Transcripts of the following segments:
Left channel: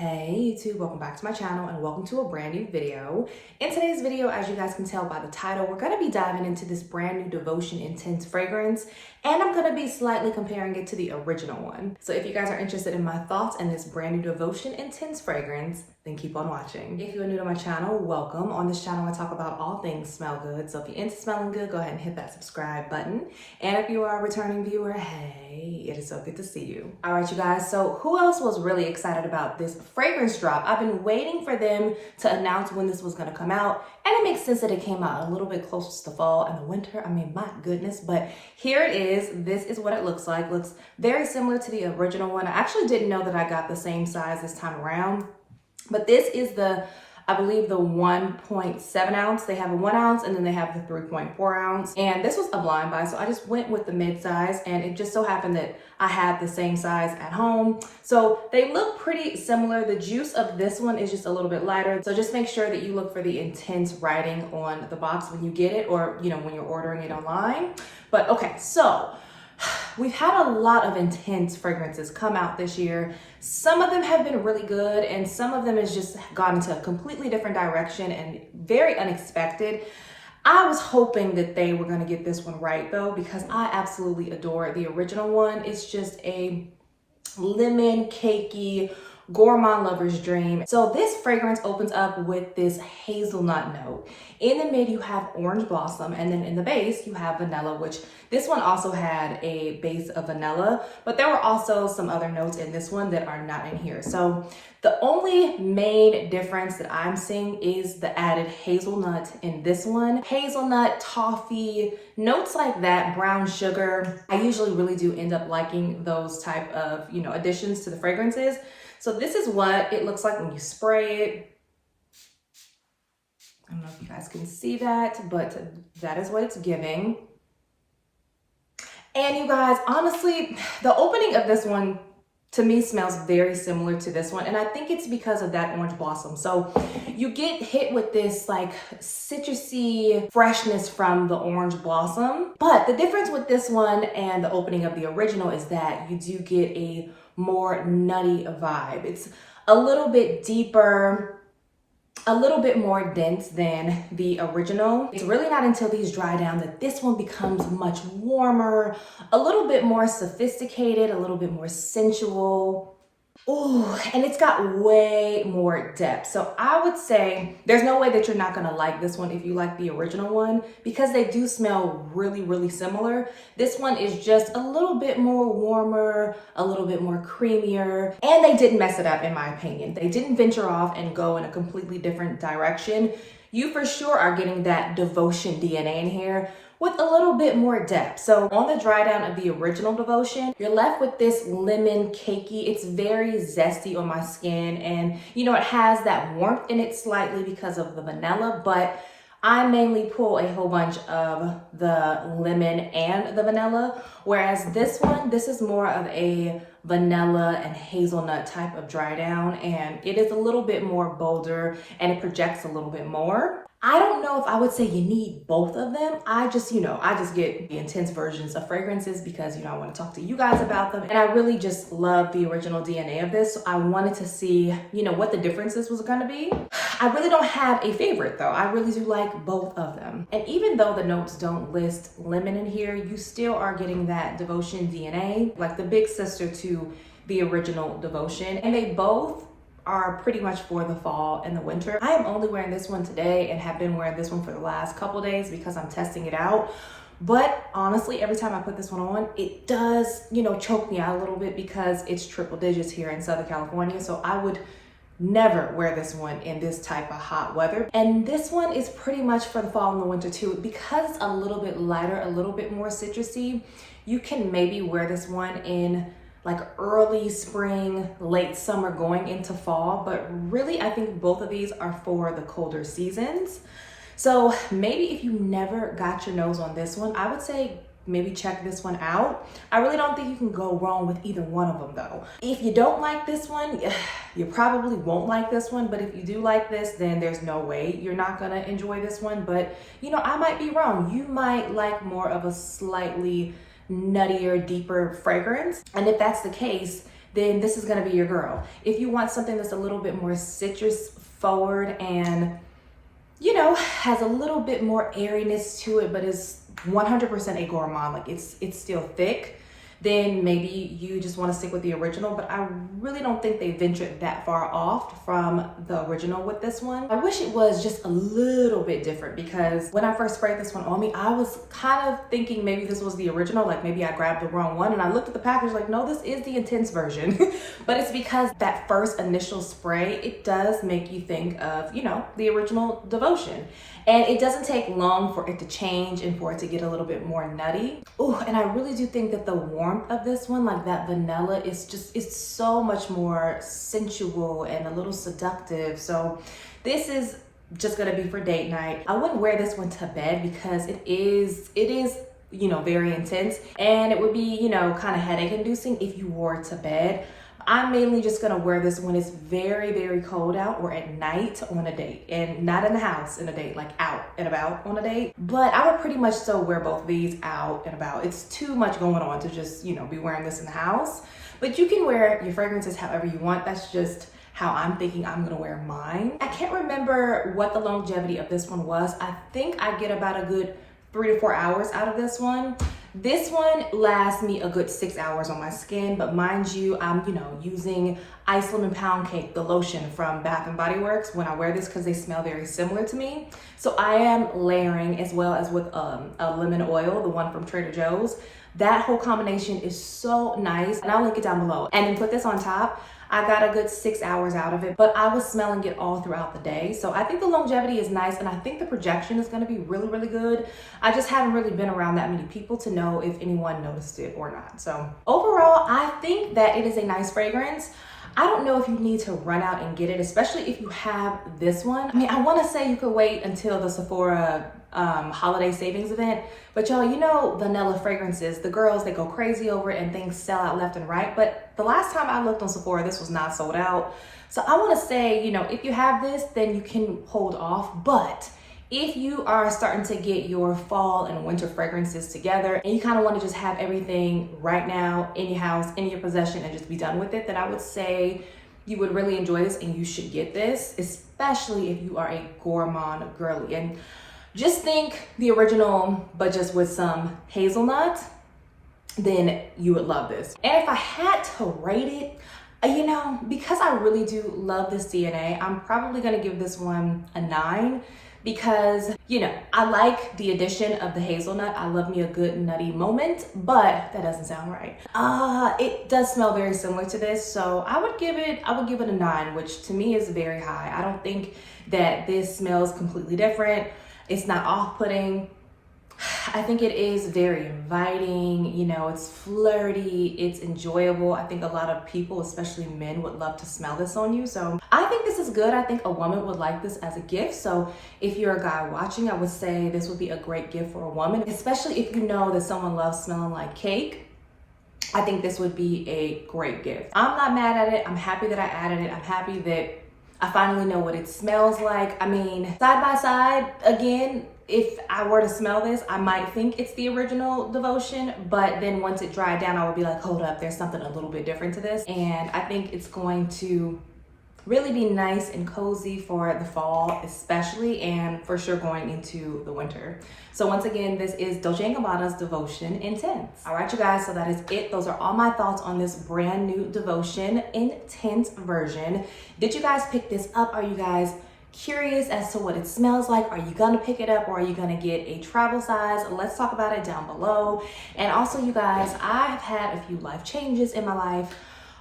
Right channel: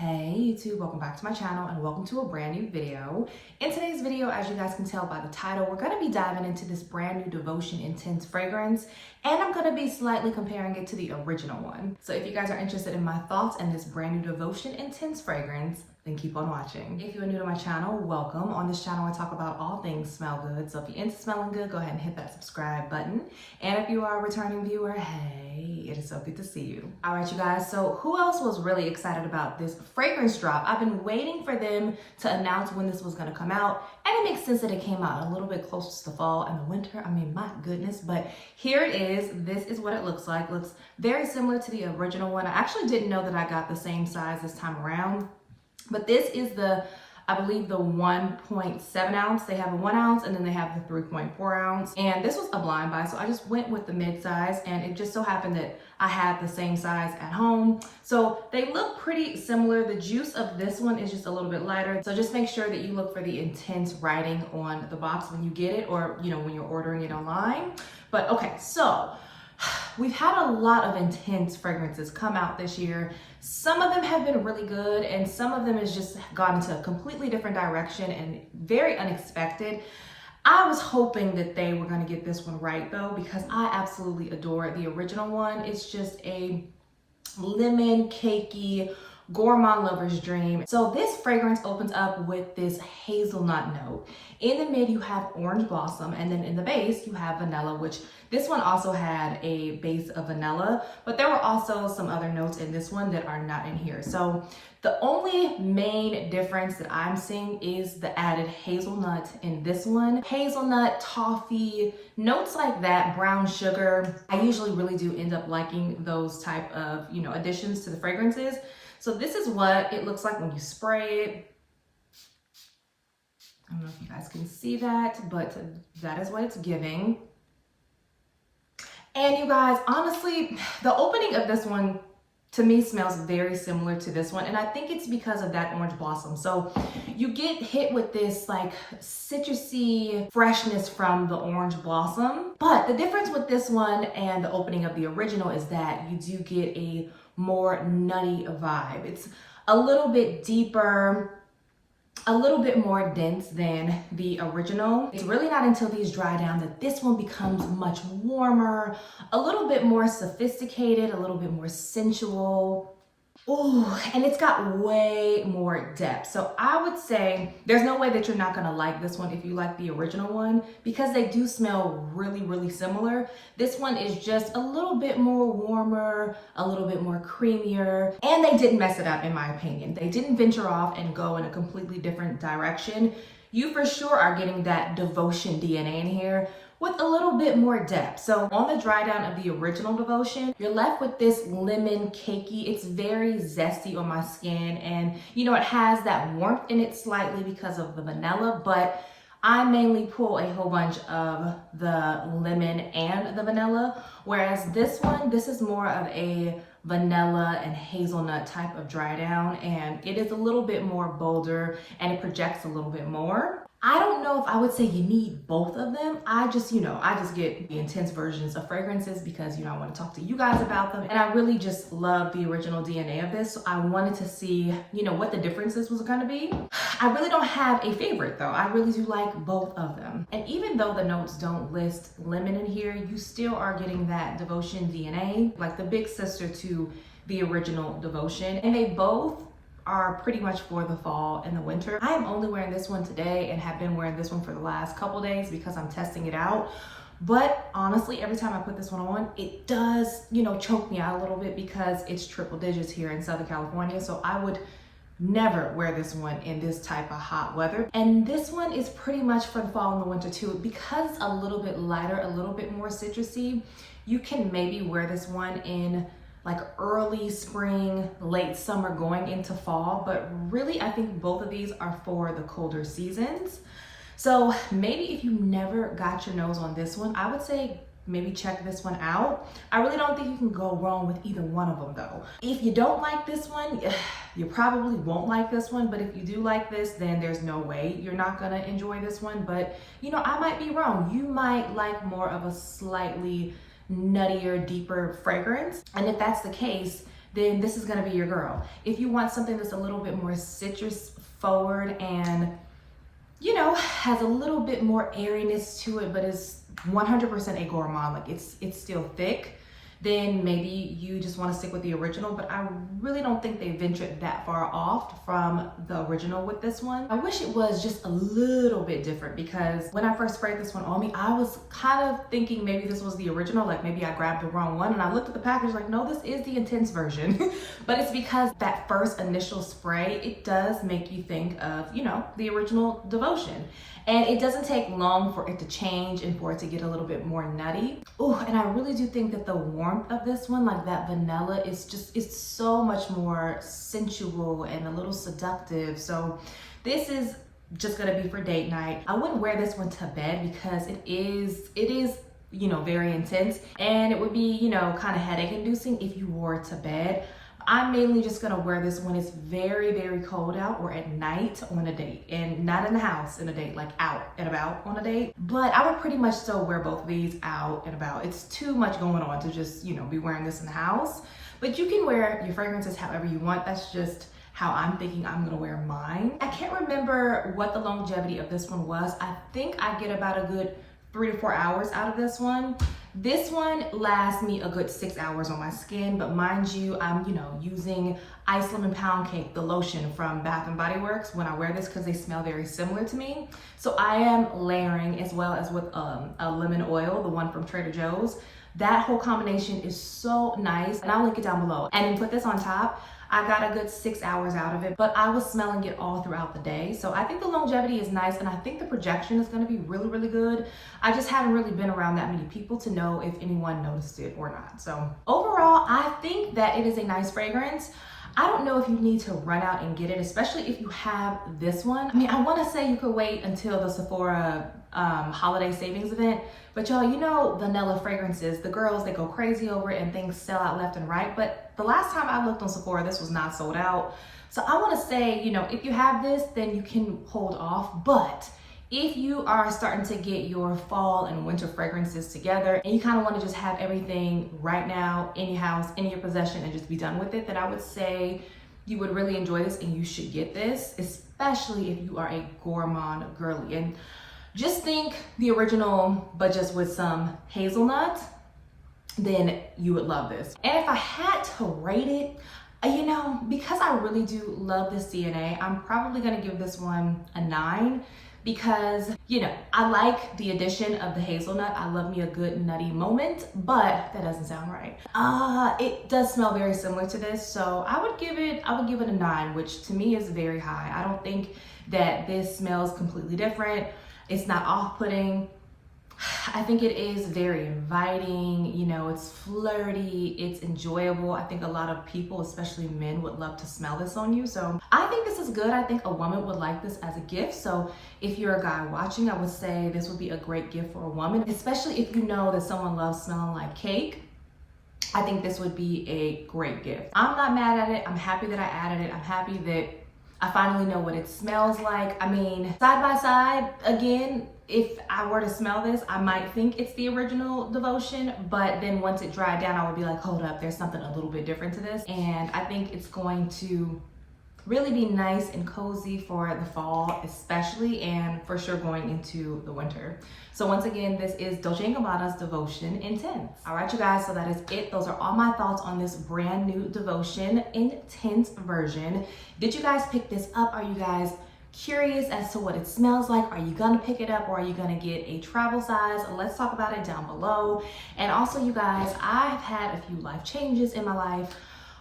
Hey YouTube, welcome back to my channel and welcome to a brand new video. In today's video, as you guys can tell by the title, we're going to be diving into this brand new Devotion Intense fragrance, and I'm going to be slightly comparing it to the original one. So if you guys are interested in my thoughts on this brand new Devotion Intense fragrance, then keep on watching. If you are new to my channel, welcome. On this channel, I talk about all things smell good. So if you're into smelling good, go ahead and hit that subscribe button. And if you are a returning viewer, hey, it is so good to see you. All right, you guys. So who else was really excited about this fragrance drop? I've been waiting for them to announce when this was going to come out. And it makes sense that it came out a little bit close to the fall and the winter. I mean, my goodness. But here it is. This is what it looks like. Looks very similar to the original one. I actually didn't know that I got the same size this time around. But this is I believe the 1.7 ounce. They have a 1 ounce and then they have the 3.4 ounce. And this was a blind buy, so I just went with the mid size, and it just so happened that I had the same size at home. So they look pretty similar. The juice of this one is just a little bit lighter. So just make sure that you look for the intense writing on the box when you get it, or when you're ordering it online. But okay, so we've had a lot of intense fragrances come out this year. Some of them have been really good, and some of them has just gone into a completely different direction and very unexpected. I was hoping that they were going to get this one right though, because I absolutely adore the original one. It's just a lemon cakey gourmand lover's dream. So this fragrance opens up with this hazelnut note. In the mid, you have orange blossom, and then in the base, you have vanilla, which this one also had a base of vanilla, but there were also some other notes in this one that are not in here. So the only main difference that I'm seeing is the added hazelnut in this one. Hazelnut, toffee, notes like that, brown sugar. I usually really do end up liking those type of, additions to the fragrances. So this is what it looks like when you spray it. I don't know if you guys can see that, but that is what it's giving. And you guys, honestly, the opening of this one to me smells very similar to this one. And I think it's because of that orange blossom. So you get hit with this like citrusy freshness from the orange blossom. But the difference with this one and the opening of the original is that you do get a more nutty vibe. It's a little bit deeper, a little bit more dense than the original. It's really not until these dry down that this one becomes much warmer, a little bit more sophisticated, a little bit more sensual. Ooh, and it's got way more depth. So I would say there's no way that you're not gonna like this one if you like the original one, because they do smell really, really similar. This one is just a little bit more warmer, a little bit more creamier, and they didn't mess it up in my opinion. They didn't venture off and go in a completely different direction. You for sure are getting that Devotion DNA in here with a little bit more depth. So on the dry down of the original Devotion, you're left with this lemon cakey. It's very zesty on my skin, and it has that warmth in it slightly because of the vanilla, but I mainly pull a whole bunch of the lemon and the vanilla, whereas this is more of a vanilla and hazelnut type of dry down, and it is a little bit more bolder and it projects a little bit more. I don't know if I would say you need both of them. I just get the intense versions of fragrances because, I want to talk to you guys about them. And I really just love the original DNA of this. So I wanted to see, what the differences was going to be. I really don't have a favorite though. I really do like both of them. And even though the notes don't list lemon in here, you still are getting that Devotion DNA, like the big sister to the original Devotion. And they both are pretty much for the fall and the winter. I am only wearing this one today and have been wearing this one for the last couple days because I'm testing it out. But honestly, every time I put this one on, it does, choke me out a little bit because it's triple digits here in Southern California. So I would never wear this one in this type of hot weather. And this one is pretty much for the fall and the winter too. Because it's a little bit lighter, a little bit more citrusy, you can maybe wear this one in like early spring, late summer going into fall. But really, I think both of these are for the colder seasons. So maybe if you never got your nose on this one, I would say maybe check this one out. I really don't think you can go wrong with either one of them though. If you don't like this one, you probably won't like this one, but if you do like this, then there's no way you're not gonna enjoy this one. But I might be wrong. You might like more of a slightly nuttier, deeper fragrance. And if that's the case, then this is gonna be your girl. If you want something that's a little bit more citrus forward and, you know, has a little bit more airiness to it, but is 100% a gourmand, like it's still thick, then maybe you just want to stick with the original. But I really don't think they ventured that far off from the original with this one. I wish it was just a little bit different, because when I first sprayed this one on me, I was kind of thinking maybe this was the original, like maybe I grabbed the wrong one, and I looked at the package like, no, this is the intense version. But it's because that first initial spray, it does make you think of, you know, the original Devotion. And it doesn't take long for it to change and for it to get a little bit more nutty. Oh, and I really do think that the warmth of this one, like that vanilla, is just, it's so much more sensual and a little seductive. So this is just gonna be for date night. I wouldn't wear this one to bed because it is, you know, very intense, and it would be, you know, kind of headache inducing if you wore it to bed. I'm mainly just gonna wear this when it's very, very cold out or at night on a date, and not in the house in a date, like out and about on a date. But I would pretty much still wear both of these out and about. It's too much going on to just, you know, be wearing this in the house. But you can wear your fragrances however you want. That's just how I'm thinking I'm gonna wear mine. I can't remember what the longevity of this one was. I think I get about a good 3 to 4 hours out of this one. This one lasts me a good 6 hours on my skin, but mind you, I'm, you know, using Lemon Poundcake, the lotion from Bath & Body Works, when I wear this, because they smell very similar to me. So I am layering, as well as with a lemon oil, the one from Trader Joe's. That whole combination is so nice, and I'll link it down below. And then put this on top. I got a good 6 hours out of it, but I was smelling it all throughout the day. So I think the longevity is nice, and I think the projection is gonna be really, really good. I just haven't really been around that many people to know if anyone noticed it or not. So overall, I think that it is a nice fragrance. I don't know if you need to run out and get it, especially if you have this one. I mean, I wanna say you could wait until the Sephora holiday savings event, but y'all, you know, vanilla fragrances, the girls, they go crazy over it and things sell out left and right. But the last time I looked on Sephora, this was not sold out. So I want to say, you know, if you have this, then you can hold off. But if you are starting to get your fall and winter fragrances together, and you kind of want to just have everything right now in your house, in your possession, and just be done with it, then I would say you would really enjoy this and you should get this, especially if you are a gourmand girly. And just think the original, but just with some hazelnut, then you would love this. And if I had to rate it, you know, because I really do love this DNA, I'm probably gonna give this one a 9, because, you know, I like the addition of the hazelnut. I love me a good nutty moment, but that doesn't sound right. It does smell very similar to this, so I would give it a 9, which to me is very high. I don't think that this smells completely different. It's not off-putting. I think it is very inviting, you know, it's flirty, it's enjoyable. I think a lot of people, especially men, would love to smell this on you. So I think this is good. I think a woman would like this as a gift. So if you're a guy watching, I would say this would be a great gift for a woman, especially if you know that someone loves smelling like cake. I think this would be a great gift. I'm not mad at it. I'm happy that I added it. I'm happy that I finally know what it smells like. I mean, side by side, again, if I were to smell this, I might think it's the original Devotion, but then once it dried down, I would be like, hold up, there's something a little bit different to this. And I think it's going to really be nice and cozy for the fall, especially, and for sure going into the winter. So once again, this is Dolce&Gabbana's Devotion Intense. All right, you guys, so that is it. Those are all my thoughts on this brand new Devotion Intense version. Did you guys pick this up? Are you guys curious as to what it smells like? Are you gonna pick it up, or are you gonna get a travel size? Let's talk about it down below. And also, you guys, I've had a few life changes in my life.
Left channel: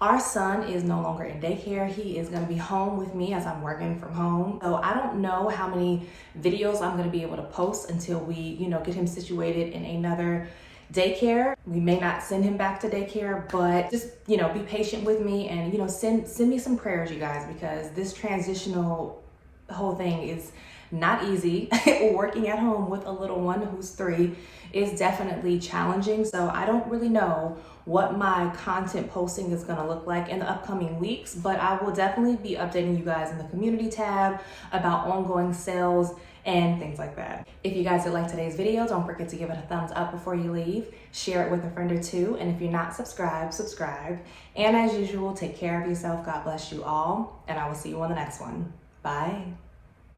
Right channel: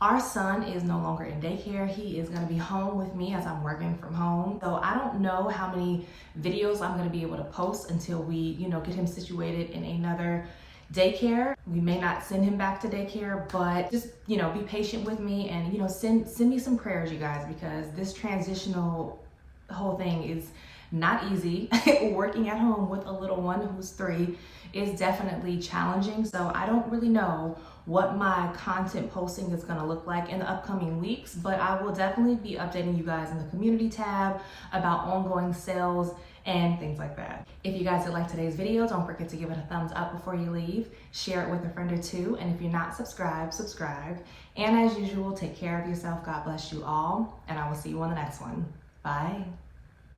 Our son is no longer in daycare. He is gonna be home with me as I'm working from home. So I don't know how many videos I'm gonna be able to post until we, you know, get him situated in another daycare. We may not send him back to daycare, but just, you know, be patient with me, and, you know, send me some prayers, you guys, because this transitional whole thing is not easy. Working at home with a little one who's 3 is definitely challenging. So I don't really know what my content posting is going to look like in the upcoming weeks, but I will definitely be updating you guys in the community tab about ongoing sales and things like that. If you guys did like today's video, don't forget to give it a thumbs up before you leave, share it with a friend or two, and if you're not subscribed, subscribe. And as usual, take care of yourself. God bless you all, and I will see you on the next one. Bye.